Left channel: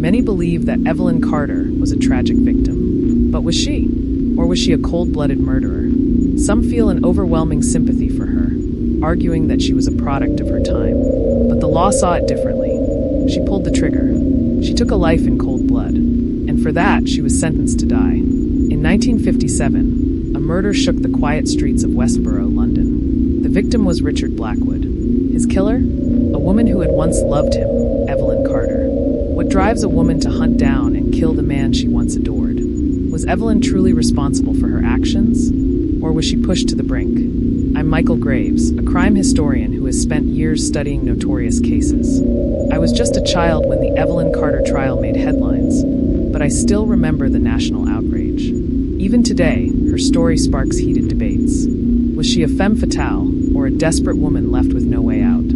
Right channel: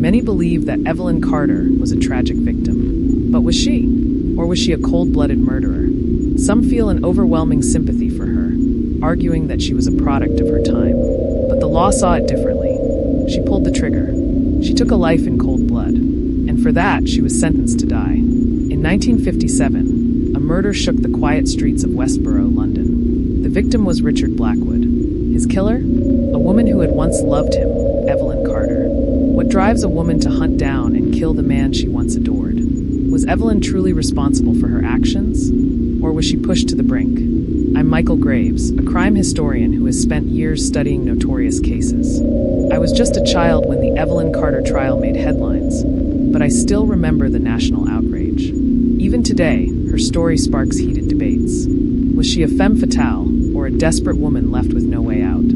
Many believe that Evelyn Carter was a tragic victim. But was she? Or was she a cold-blooded murderer? Some feel an overwhelming sympathy for her, arguing that she was a product of her time. But the law saw it differently. She pulled the trigger. She took a life in cold blood. And for that, she was sentenced to die. In 1957, a murder shook the quiet streets of Westboro, London. The victim was Richard Blackwood. His killer? A woman who had once loved him, Evelyn Carter. What drives a woman to hunt down and kill the man she once adored? Was Evelyn truly responsible for her actions? Or was she pushed to the brink? I'm Michael Graves, a crime historian who has spent years studying notorious cases. I was just a child when the Evelyn Carter trial made headlines, but I still remember the national outrage. Even today, her story sparks heated debates. Was she a femme fatale, or a desperate woman left with no way out?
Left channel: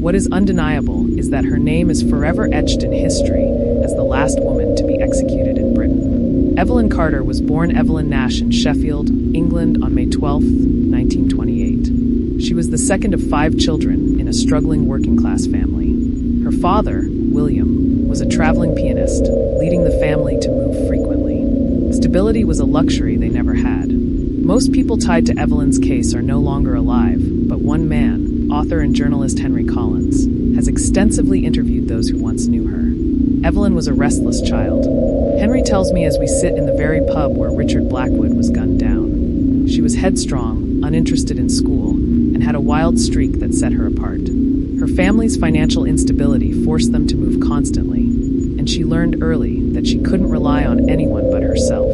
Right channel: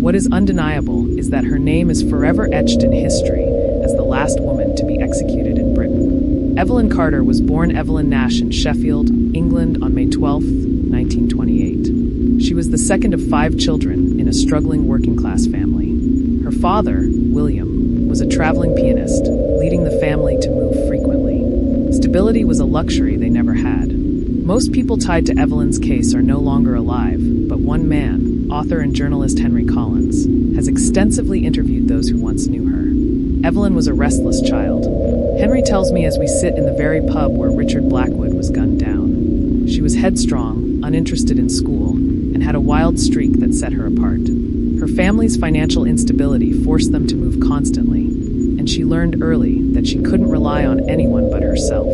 What is undeniable is that her name is forever etched in history as the last woman to be executed in Britain. Evelyn Carter was born Evelyn Nash in Sheffield, England on May 12, 1928. She was the second of 5 children in a struggling working-class family. Her father, William, was a traveling pianist, leading the family to move frequently. Stability was a luxury they never had. Most people tied to Evelyn's case are no longer alive, but one man, author and journalist Henry Collins, has extensively interviewed those who once knew her. Evelyn was a restless child. Henry tells me as we sit in the very pub where Richard Blackwood was gunned down. She was headstrong, uninterested in school, and had a wild streak that set her apart. Her family's financial instability forced them to move constantly, and she learned early that she couldn't rely on anyone but herself.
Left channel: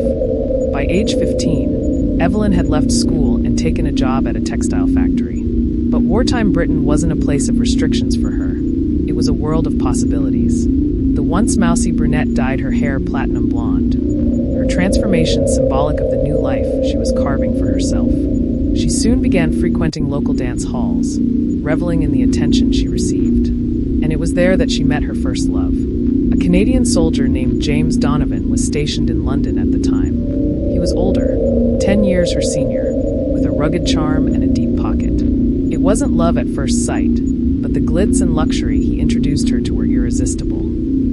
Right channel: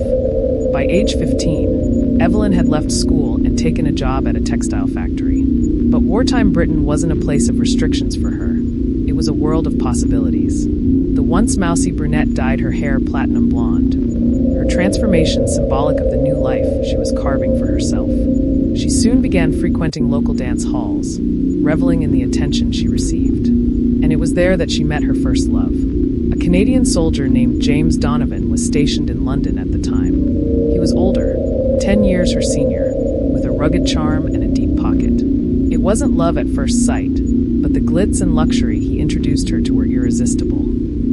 By age 15, Evelyn had left school and taken a job at a textile factory. But wartime Britain wasn't a place of restrictions for her. It was a world of possibilities. The once mousy brunette dyed her hair platinum blonde, her transformation symbolic of the new life she was carving for herself. She soon began frequenting local dance halls, reveling in the attention she received. And it was there that she met her first love. A Canadian soldier named James Donovan was stationed in London at the time. He was older, 10 years her senior, with a rugged charm and a deep pocket. It wasn't love at first sight, but the glitz and luxury he introduced her to were irresistible.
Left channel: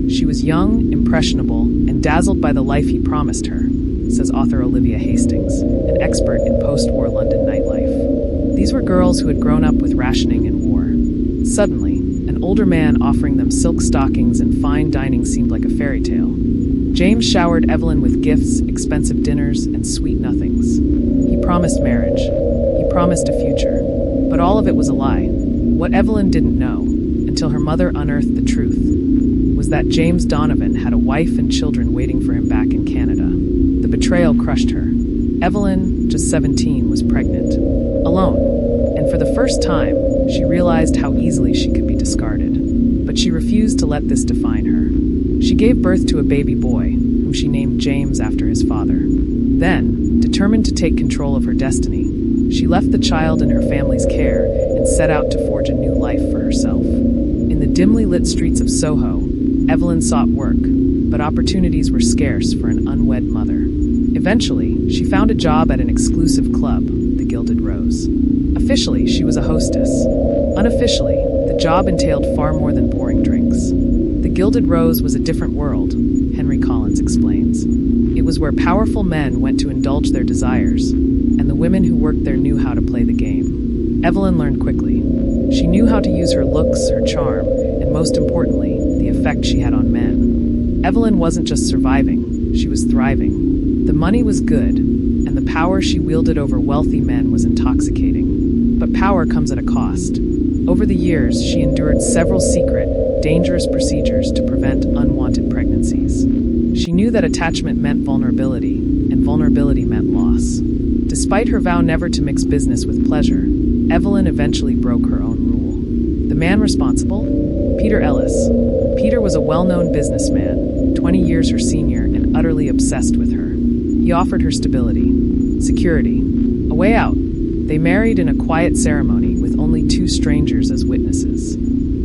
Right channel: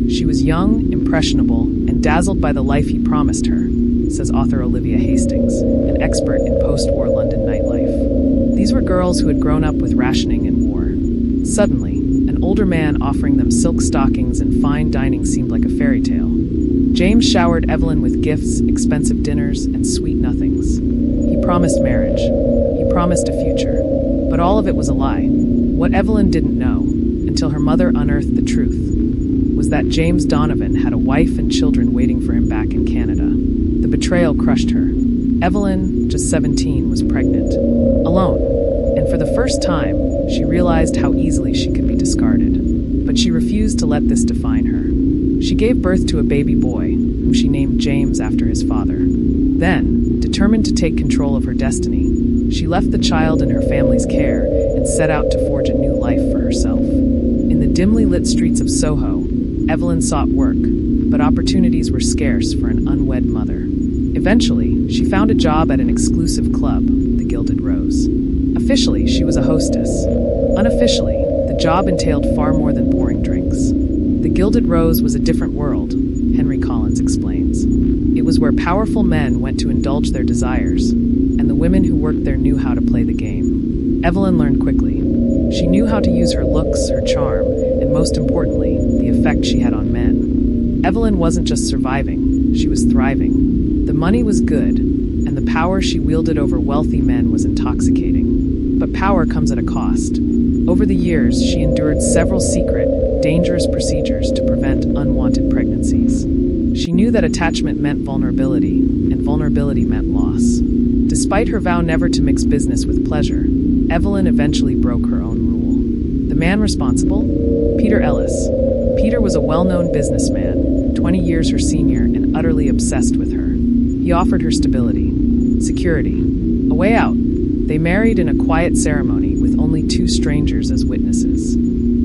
She was young, impressionable, and dazzled by the life he promised her, says author Olivia Hastings, an expert in post-war London nightlife. These were girls who had grown up with rationing and war. Suddenly, an older man offering them silk stockings and fine dining seemed like a fairy tale. James showered Evelyn with gifts, expensive dinners, and sweet nothings. He promised marriage. He promised a future. But all of it was a lie. What Evelyn didn't know, until her mother unearthed the truth, was that James Donovan had a wife and children waiting for him back in Canada. The betrayal crushed her. Evelyn, just 17, was pregnant, alone, and for the first time, she realized how easily she could be discarded. But she refused to let this define her. She gave birth to a baby boy, whom she named James after his father. Then, determined to take control of her destiny, she left the child in her family's care and set out to forge a new life for herself. In the dimly lit streets of Soho, Evelyn sought work, but opportunities were scarce for an unwed mother. Eventually, she found a job at an exclusive club, the Gilded Rose. Officially, she was a hostess. Unofficially, the job entailed far more than pouring drinks. The Gilded Rose was a different world, Henry Collins explains. It was where powerful men went to indulge their desires, and the women who worked there knew how to play the game. Evelyn learned quickly. She knew how to use her looks, her charm, and most importantly, the effect she had on men. Evelyn wasn't just surviving, she was thriving. The money was good, and the power she wielded over wealthy men was intoxicating. But power comes at a cost. Over the years, she endured several secret, dangerous procedures to prevent unwanted pregnancies. She knew that attachment meant vulnerability, and vulnerability meant loss. Despite her vow never to mix business with pleasure, Evelyn eventually broke her own rule. The man responsible? Peter Ellis. Peter was a well-known businessman, 20 years her senior and utterly obsessed with her. He offered her stability, security, a way out. They married in a quiet ceremony with only 2 strangers as witnesses.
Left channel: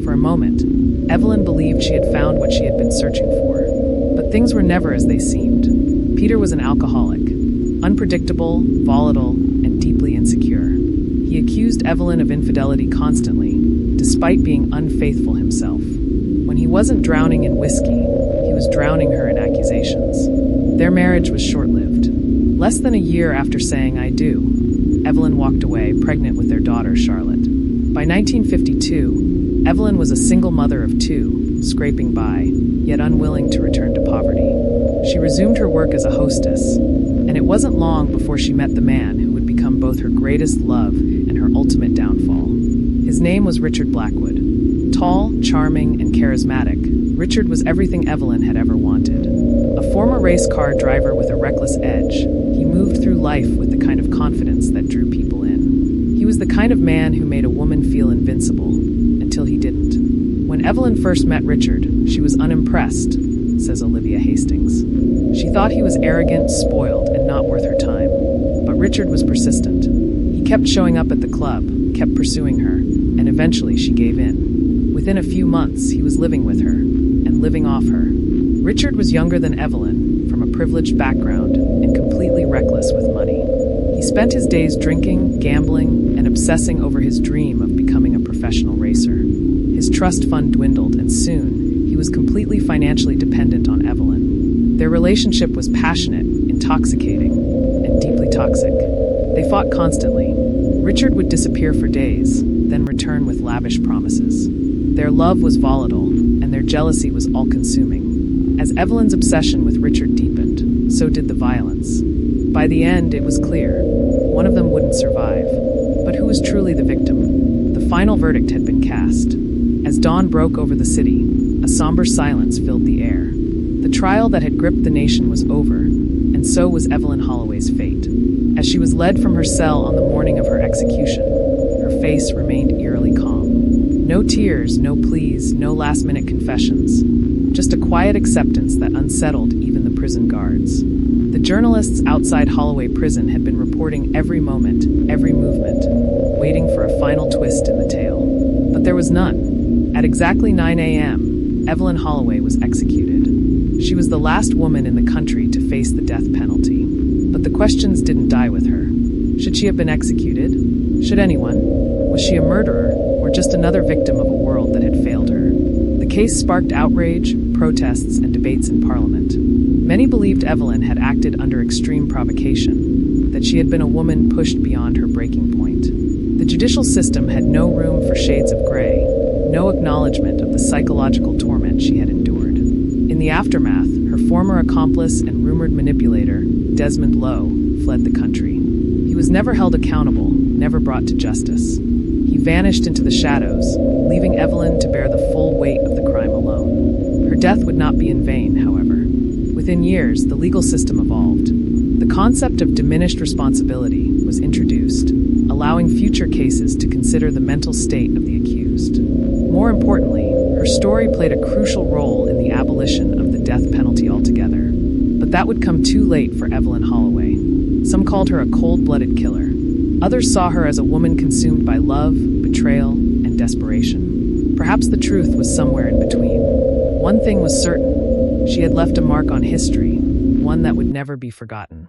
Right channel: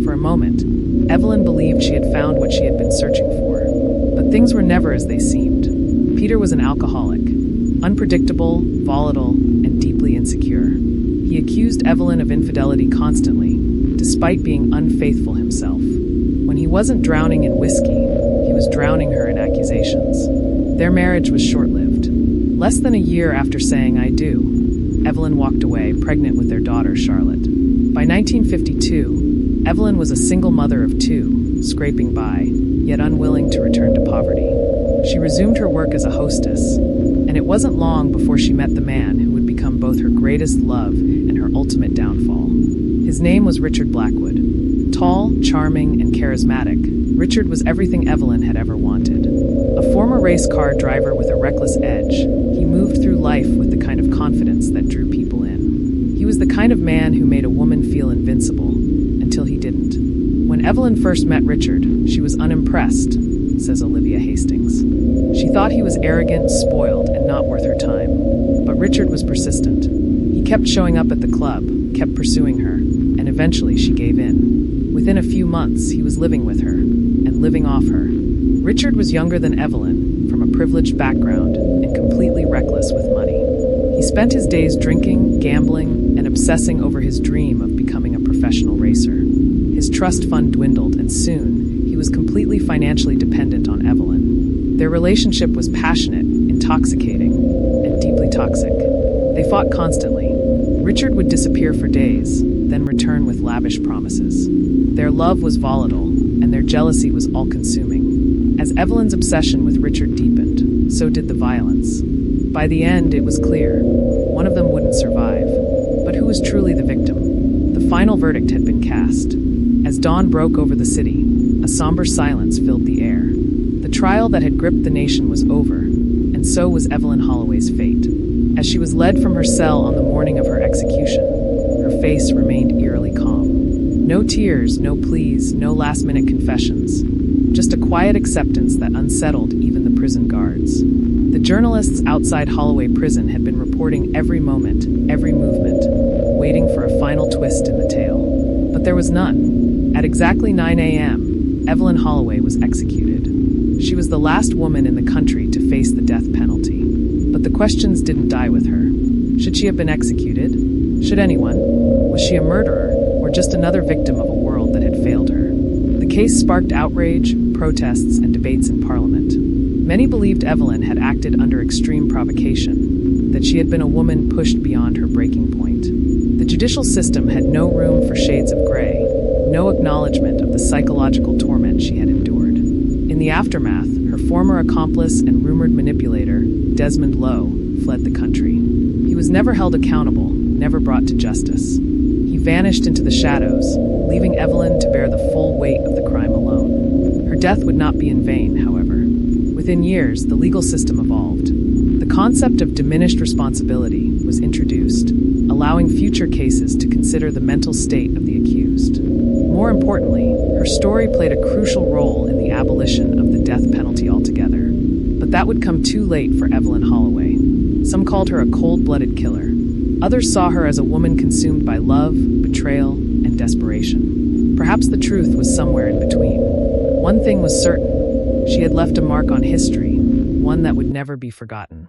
For a moment, Evelyn believed she had found what she had been searching for. But things were never as they seemed. Peter was an alcoholic, unpredictable, volatile, and deeply insecure. He accused Evelyn of infidelity constantly, despite being unfaithful himself. When he wasn't drowning in whiskey, he was drowning her in accusations. Their marriage was short-lived. Less than a year after saying "I do," Evelyn walked away, pregnant with their daughter, Charlotte. By 1952, Evelyn was a single mother of two, scraping by, yet unwilling to return to poverty. She resumed her work as a hostess, and it wasn't long before she met the man who would become both her greatest love and her ultimate downfall. His name was Richard Blackwood. Tall, charming, and charismatic, Richard was everything Evelyn had ever wanted. A former race car driver with a reckless edge, he moved through life with the kind of confidence that drew people in. He was the kind of man who made a woman feel invincible, until he didn't. When Evelyn first met Richard, she was unimpressed, says Olivia Hastings. She thought he was arrogant, spoiled, and not worth her time. But Richard was persistent. He kept showing up at the club, kept pursuing her, and eventually she gave in. Within a few months, he was living with her, and living off her. Richard was younger than Evelyn, from a privileged background, and completely reckless with money. He spent his days drinking, gambling, and obsessing over his dream of becoming a professional racer. His trust fund dwindled, and soon, he was completely financially dependent on Evelyn. Their relationship was passionate, intoxicating, and deeply toxic. They fought constantly. Richard would disappear for days, then return with lavish promises. Their love was volatile, and their jealousy was all-consuming. As Evelyn's obsession with Richard deepened, so did the violence. By the end, it was clear. One of them wouldn't survive. But who was truly the victim? The final verdict had been cast. As dawn broke over the city, a somber silence filled the air. The trial that had gripped the nation was over, and so was Evelyn Holloway's fate. As she was led from her cell on the morning of her execution, her face remained eerily calm. No tears, no pleas, no last-minute confessions. Just a quiet acceptance that unsettled even the prison guards. The journalists outside Holloway Prison had been reporting every moment, every movement, waiting for a final twist in the tale. But there was none. At exactly 9 a.m., Evelyn Holloway was executed. She was the last woman in the country to face the death penalty. But the questions didn't die with her. Should she have been executed? Should anyone? Was she a murderer, or just another victim of a world that had failed her? The case sparked outrage, protests, and debates in Parliament. Many believed Evelyn had acted under extreme provocation, that she had been a woman pushed beyond her breaking point. The judicial system had no room for shades of gray, no acknowledgement of the psychological torment she had endured. In the aftermath, her former accomplice and rumored manipulator, Desmond Lowe, fled the country. He was never held accountable, never brought to justice. He vanished into the shadows, leaving Evelyn to bear the full weight of the crime alone. Her death would not be in vain, however. Within years, the legal system evolved. The concept of diminished responsibility was introduced, allowing future cases to consider the mental state of the accused. More importantly, her story played a crucial role in the abolition of the death penalty altogether. But that would come too late for Evelyn Holloway. Some called her a cold-blooded killer. Others saw her as a woman consumed by love, betrayal, and desperation. Perhaps the truth was somewhere in between. One thing was certain. She had left a mark on history, one that would never be forgotten.